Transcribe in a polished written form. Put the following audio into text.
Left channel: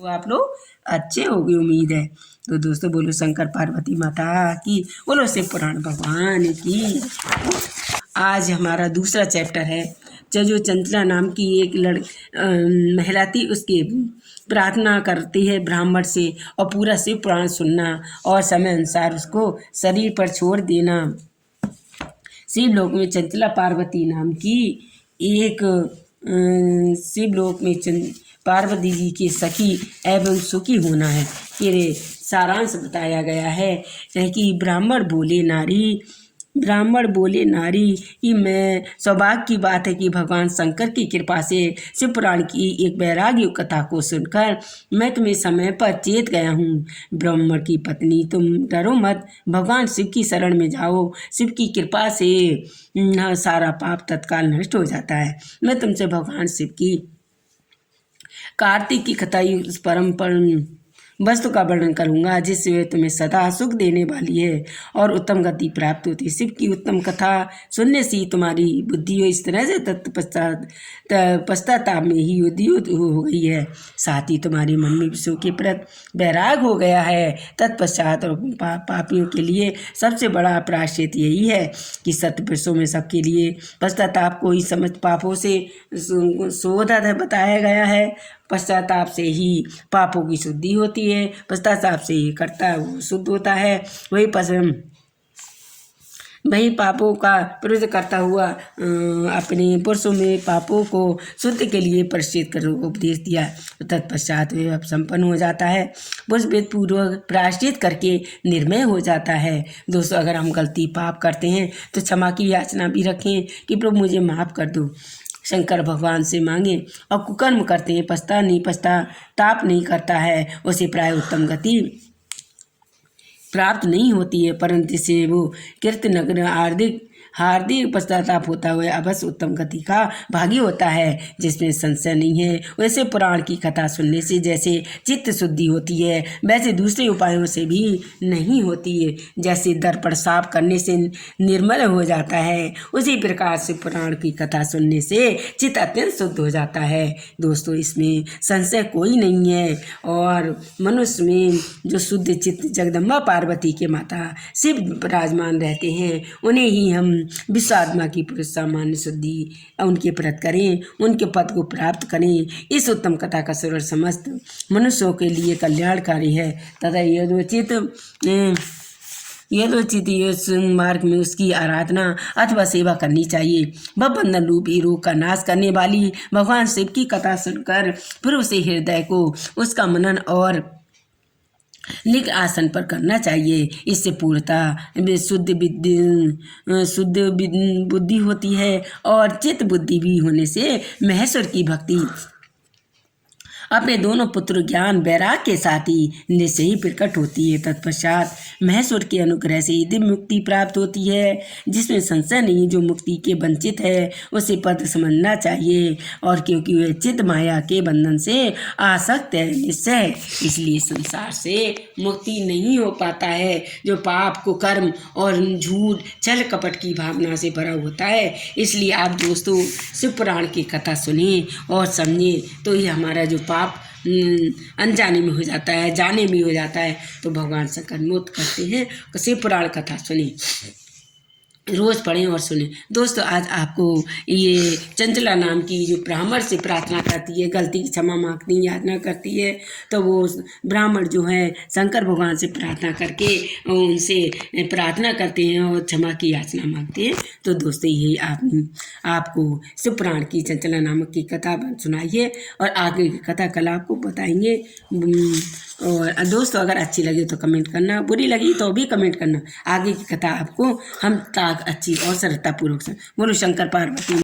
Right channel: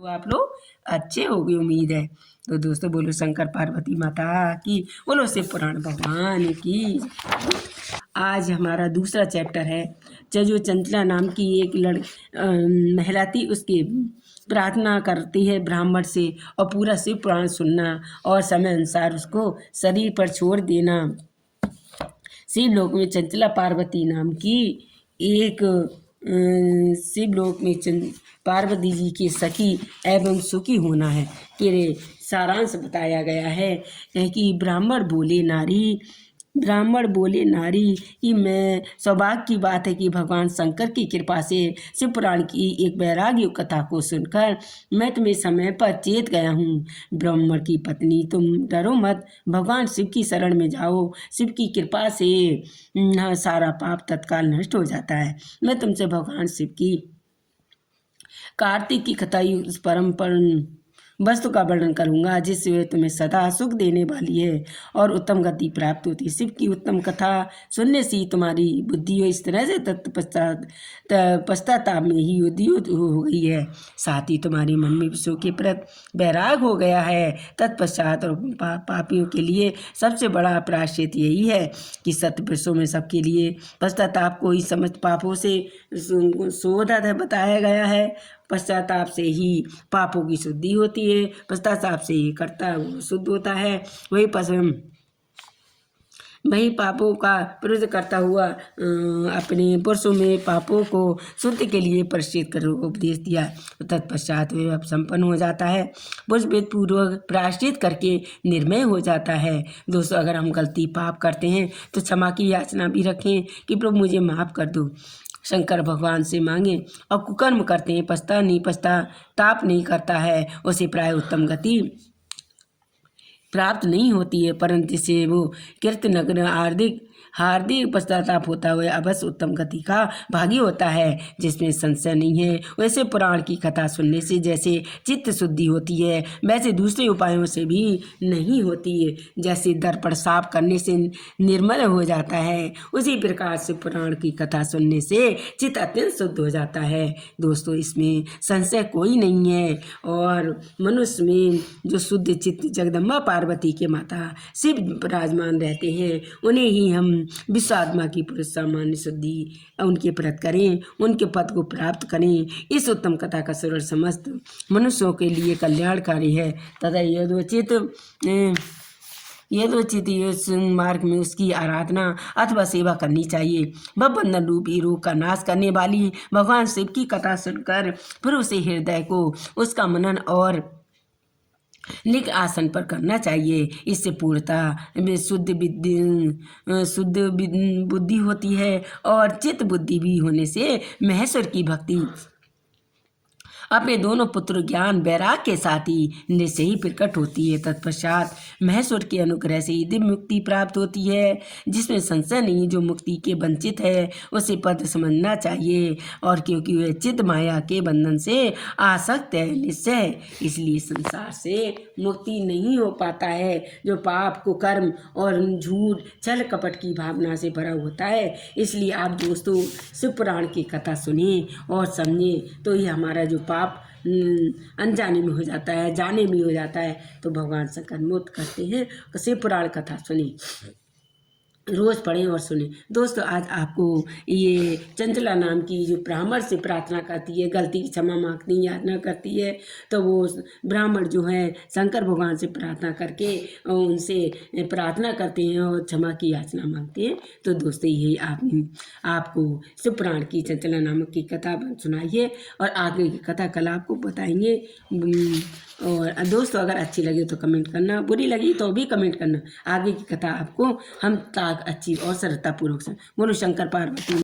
तो आप लोग अच्छे होंगे उम्मीद है। तो दोस्तों बोलो शंकर पार्वती माता की, बोलो शिव पुराण भगवान की। आज हमारा दूसरा चैप्टर है। जो चंचला नाम की एक महिला थी, उसकी प्रार्थना करती है ब्राह्मण से और पूरा शिव पुराण सुनना और समय अनुसार उसको शरीर पर छोड़ देना। शिवलोक में चंचला पार्वती नाम की एक शिवलोक में पार्वती जी की सखी एवं सुखी होना है कि सारांश बताया गया है कि ब्राह्मण बोले नारी कि मैं सौभाग्य की बात है कि भगवान शंकर की कृपा से शिव पुराण की एक वैराग्य कथा को सुनकर मैं तुम्हें समय पर चेत गया हूँ। ब्राह्मण की पत्नी, तुम डरो मत, भगवान शिव की शरण में जाओ। शिव की कृपा से सारा पाप तत्काल नष्ट हो जाता है। मैं तुमसे भगवान शिव की कार्तिक की कथा परम वस्तु का वर्णन करूंगा, जिससे तुम्हें सदा सुख देने वाली है और उत्तम गति प्राप्त होती है। शिव की उत्तम कथा सुनने से तुम्हारी बुद्धि इस तरह से पश्चाताप में ही उद्युत हो गई है, साथ ही तुम्हारी मन में विषयों के प्रति वैराग हो गया है। तत्पश्चात पापियों के लिए सबसे बड़ा प्रायश्चित यही है कि सत्य पुरुषों में सबके लिए पश्चाताप को ही समस्त पापों से शोधा बताया गया है। पश्चाताप से ही पापों की शुद्धि होती है, पश्चाताप से ही कर्ता वो शुद्ध होता है। वही पापों का विरोध करता हुआ अपने पुरुषों में पापों को शुद्ध के लिए परिचित कर उपदेश दिया। तत्पश्चात वे अब संपन्न हो जाता है, पुरुष वेद पूर्वक प्रायश्चित करके निर्मय हो जाता है। दोस्तों अगर हम गलती पाप करते हैं तो क्षमा की याचना भी रखें कि प्रभु मुझे माफ़ कर दो, शंकर भगवान से मांगे। और कुकर्म करते हैं, पश्चाताप नहीं करता है, उसे प्राय उत्तम गति प्राप्त नहीं होती है, परंतु से वो कीर्तनगर हार्दिक पश्चाताप होता हुआ अवश्य उत्तम गति का भागी होता है, जिसमें संशय नहीं है। वैसे पुराण की कथा सुनने से जैसे चित्त शुद्धि होती है, वैसे दूसरे उपायों से भी नहीं होती है। जैसे दर्पण साफ करने से निर्मल हो जाता है, उसी प्रकार से पुराण की कथा सुनने से चित्त अत्यंत शुद्ध हो जाता है। दोस्तों इसमें संशय कोई नहीं है और मनुष्य में जो शुद्ध चित्त जगदम्बा पार्वती के माता शिव विराजमान रहते हैं, उन्हें ही हम विश्वात्मा की पुरुष सामान्य शुद्धि उनके प्रत करें, उनके पद को प्राप्त करें। इस उत्तम कथा का श्रवण समस्त मनुष्यों के लिए कल्याणकारी है तथा यथोचित मार्ग में उसकी आराधना अथवा सेवा करनी चाहिए। बंधन रूपी रोग का नाश करने वाली भगवान शिव की कथा सुनकर पूर्व से हृदय को उसका मनन और निक आसन पर करना चाहिए। इससे पूर्णतः शुद्ध बुद्धि होती है और चित्त बुद्धि भी होने से महेश्वर की भक्ति अपने दोनों पुत्र ज्ञान वैराग के साथ ही निश्चय ही प्रकट होती है। तत्पश्चात महेश्वर के अनुग्रह से दिव्य मुक्ति प्राप्त होती है, जिसमें संशय नहीं। जो मुक्ति के वंचित है उसे पद समझना चाहिए, और क्योंकि वह चित्त माया के बंधन से आसक्त है निश्चय, इसलिए संसार से मुक्ति नहीं हो पाता है। जो पाप को कर्म और झूठ छल कपट की भावना से भरा होता है। इसलिए आप दोस्तों शिव पुराण की कथा सुने और समझे तो ये हमारा जो पाप अनजाने में हो जाता है, जाने में हो जाता है, तो भगवान शंकर मुक्त करते हैं। शिव पुराण कथा सुने, रोज़ पढ़ें और सुने। दोस्तों आज आपको ये चंचला नाम की जो ब्राह्मण से प्रार्थना करती है, गलती की क्षमा मांगती याचना करती है, तो वो ब्राह्मण जो है शंकर भगवान से प्रार्थना करके उनसे प्रार्थना करते हैं और क्षमा की याचना मांगते हैं। तो दोस्तों यही आपको शिव पुराण की चंचला नामक की कथा सुनाई है और आगे की कथा कल आपको बताएंगे। और दोस्तों अगर अच्छी लगे तो कमेंट करना, बुरी लगी तो भी कमेंट करना। आगे की कथा आपको हम अच्छी और सरलतापूर्वक बोलो शंकर पार्वती।